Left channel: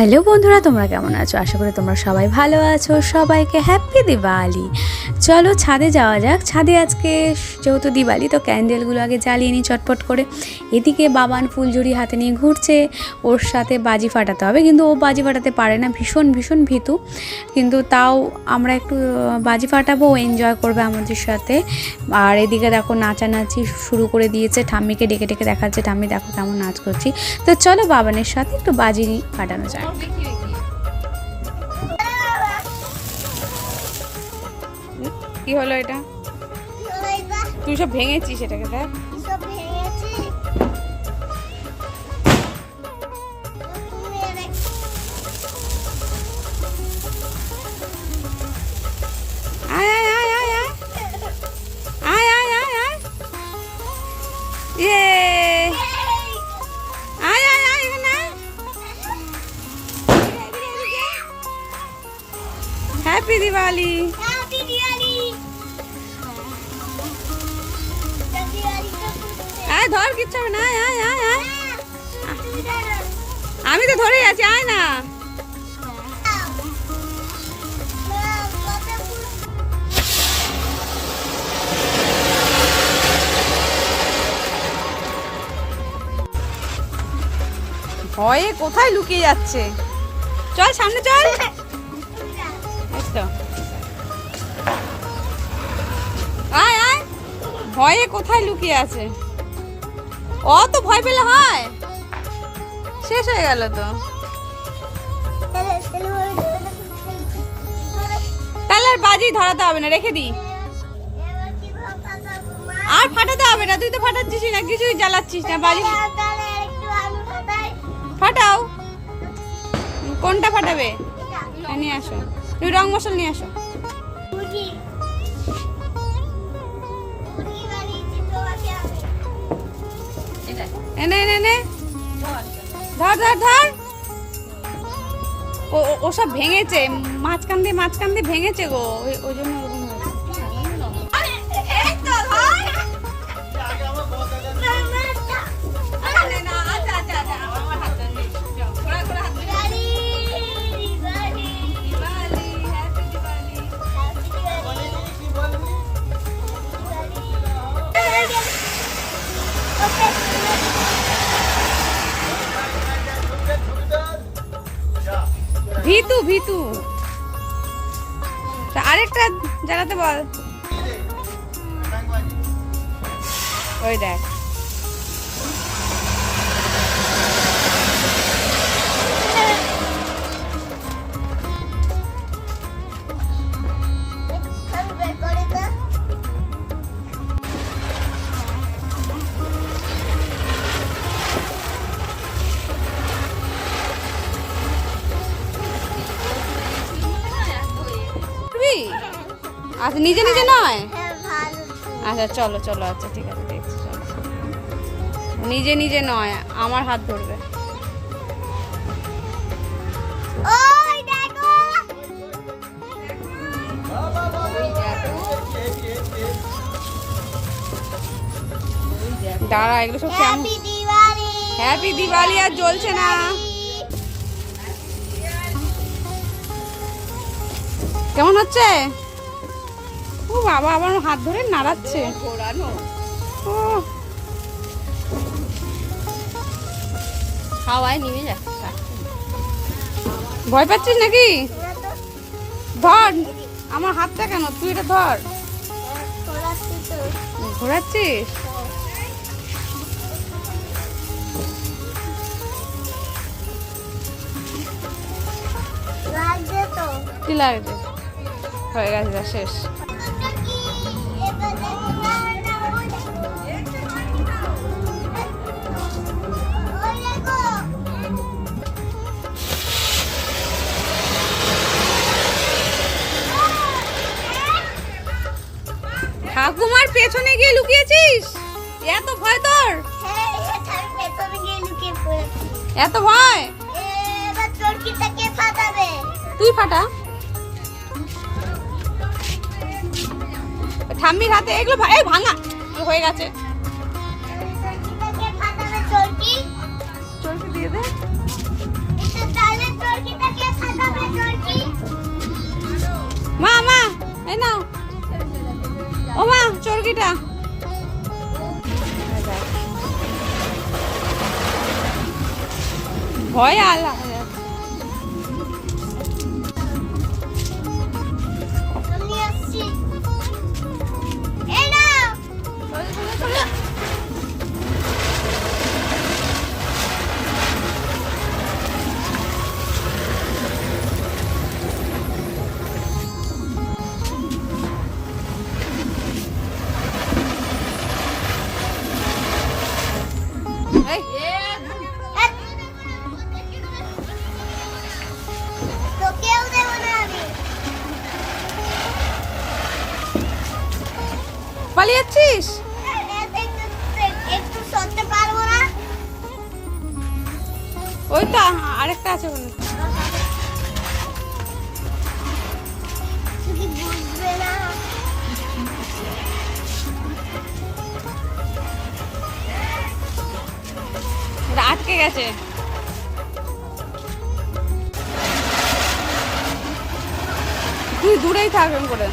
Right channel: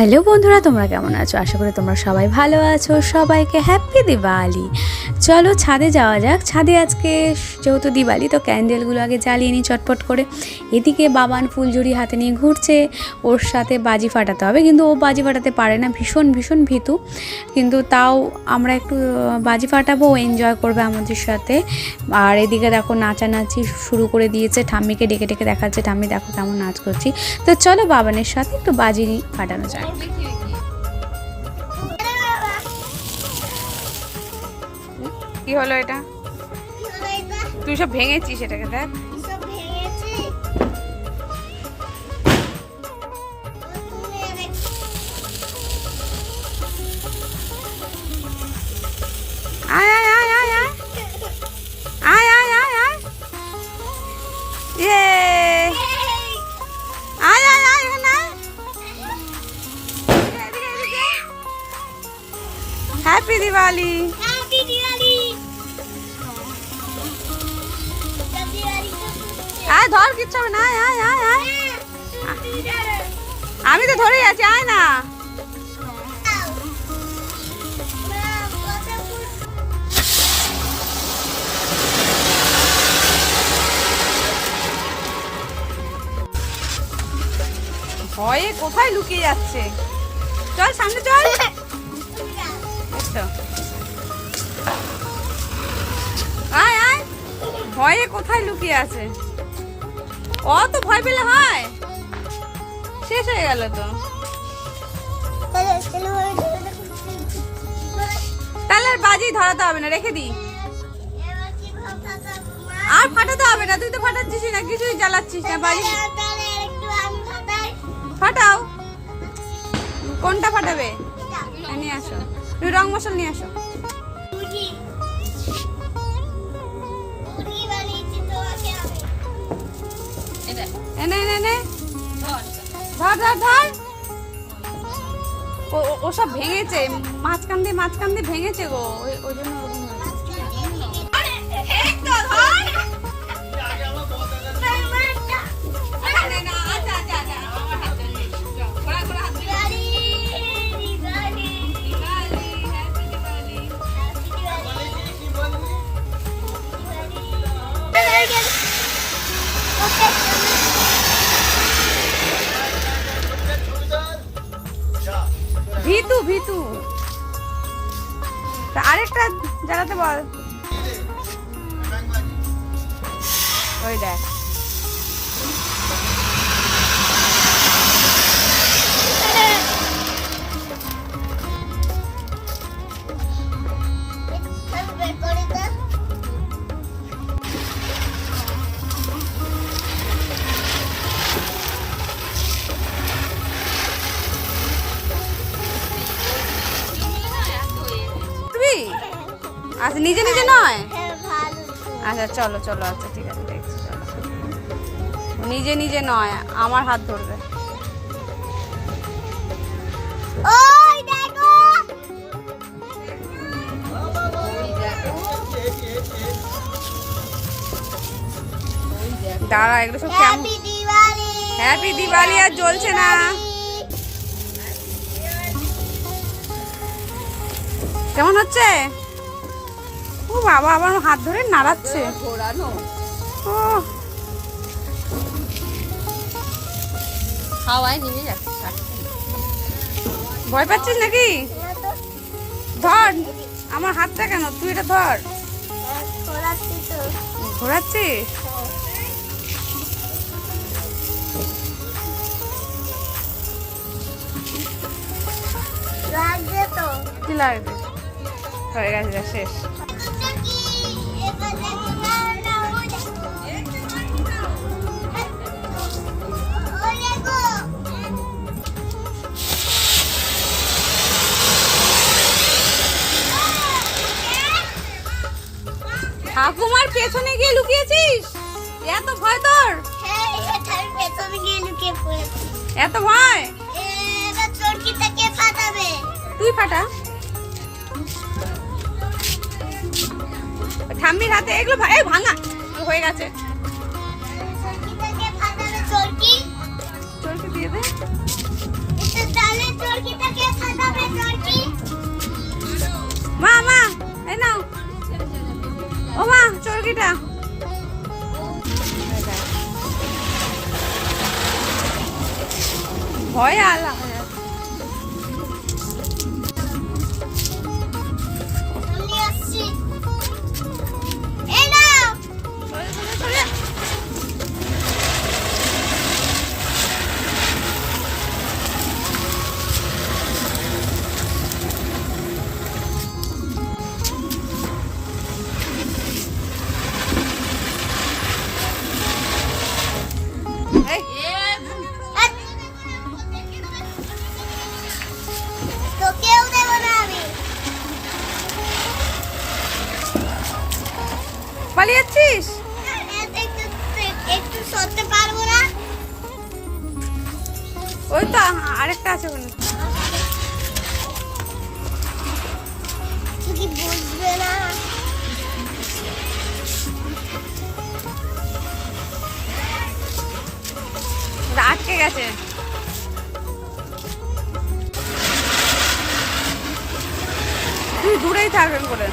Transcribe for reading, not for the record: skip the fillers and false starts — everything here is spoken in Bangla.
হ্যালো বন্ধুরা, তোমরা কেমন আছো? আশা করি তোমরা সবাই ভালো আছো। সবাইকে হ্যাপি দিওয়ালি। চলো ছাদে যাওয়া যাক। ছাদে আজকে যেহেতু দিওয়ালি, তো ক্যান্ডেলগুলো আগে জ্বালিয়ে নিই চটপট করে। এদিকে বাবান ফুলঝুরি হাতে নিয়ে ঘুরছে, ওর সাথে বাজি ফাটাতে হবে, কিন্তু ও বাজি ফাটাতে পারে না, ভীষণ ভীষণ ভীতু। কিন্তু তাও আমরা একটু বাজি ফাটাবো, ও এনজয় করবে আমাদের সাথে। আর এদিকে দেখো নাচানাচি শুরু করে দিয়েছে, ঠাম্মিকে ডেকে ডেকে দেখাচ্ছে, ঠাম্মি দেখো কেমন নাচ করছি। তো চলো বাবানের সাথে একটু বাজি ফাটানো যায়। কি হলো এটা? তুই সব ভেঙেছিস এটাকে, দেখ। আয় আয় আয় আয় আয় আয় আয় আয় আয় ইয়ে আয় আয় আয় এখানে আয়। হ্যাপি দিওয়ালি। আয় ধর, কিচ্ছু হবে না। আয় আয় আয় আয়, আমি তো ধরে আছি, আয় না। ভয়ে কোথায় লুকিয়ে যাচ্ছে? চল সামনে চল। আয় আয়, ভয়ে কোথায় লুকিয়ে আছে? অত ভয় পেলে হয়? শেষ হয়ে গেল তো। তাহলে আর বাজি ধরাতে হবে না, রেখে দি। আর ফাটাতে হবে না, তুই তো ফাটাচ্ছিস না, কিছুই জ্বালাচ্ছিস না। বাজি ফাটাও। কোনটা ফাটাবে? নিয়ে আসো, তুই রং মশলা নিয়ে আসো। এনে এনে এনে ধর ধর ধর। ও সব ভেঙেছে, মাঝখান দিয়ে ভেঙেছে গো, ওই জন্য ভীতু ভীতু। আরেকটা জ্বালাতে বল। ওই দেখ, আচ্ছা নিজে নিজে নয়। আচ্ছা চলো চলো, আচ্ছা ঠিক আছে, দেখছি। চলো, নিজে নিজে নয়, আমার হাত ধরবে। দাঁড়া, এগুলো সব কেমন? হ্যাপি দিওয়ালি। আর জ্বলছে না। কেমন হচ্ছে? ও বাবা, আবার হাত ধরে নাড়াচ্ছে। ও হাওয়ায় নিয়ে যাচ্ছে। ভয় পাচ্ছিস নাকি? ধর আমার হাতটা, কেন তুই এটা ধর। ঘোরাচ্ছিস? কি লাগবে? হয়ে গেছে, যা শেষ। ঠাকুমার পেছনে গিয়ে লুকিয়েছিস? এত ভয় তোর? এত ভয়? তুই ফাটা। ঠাম্মির হাতে এগুলো ভাঙা হয়ে গেছে। চরকি দিয়ে দে। ও মা চরকিটা ভয় আলা পালিয়ে যাচ্ছিস? একটু সরতে পারবো না। ওই তো আরেকটা আছে ওখানে। কি বুঝবে না। ওটা আটকে গেছে। তুই দূরেই থাকবেন করে।